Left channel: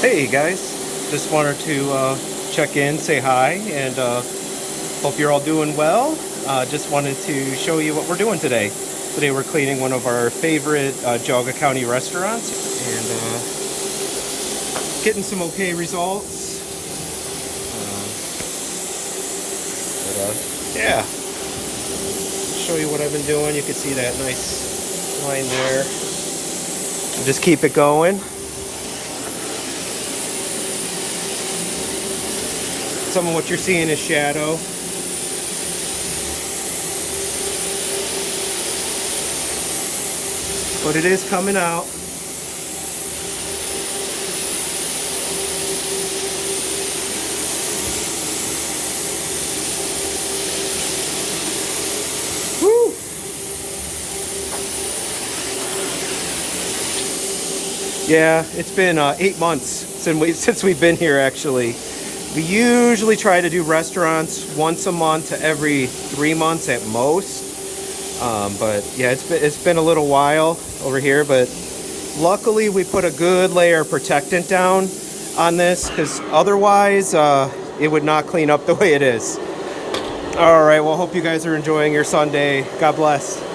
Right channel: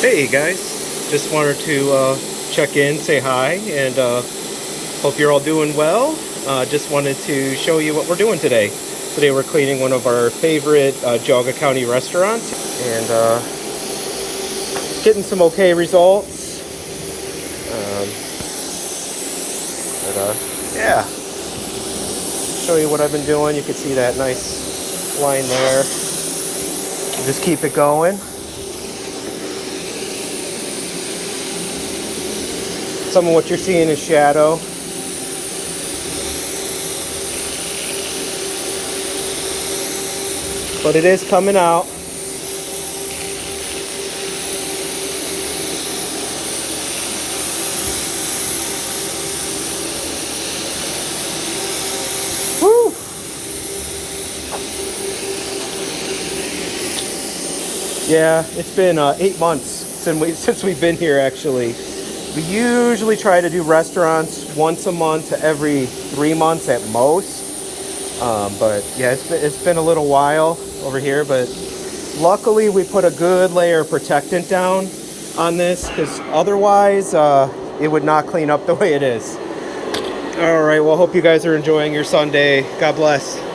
Hey guys, just wanted to check in, say hi, and hope you're all doing well. Just wanted to show you what we're doing today. Today we're cleaning one of our favorite Geauga County restaurants and getting some okay results. Um, yeah, show you what I've been doing. You can see that nice line there. Just keep it going. Some of what you're seeing is shadow. But it is coming out. Woo! Yeah, it's been 8 months since we've been here actually. We usually try to do restaurants once a month to every 3 months at most. But yeah, it's been a little while over here, but luckily we put a good layer of protectant down on this because otherwise it would not clean up the way it is. All right, well, hope you guys are enjoying your Sunday. God bless.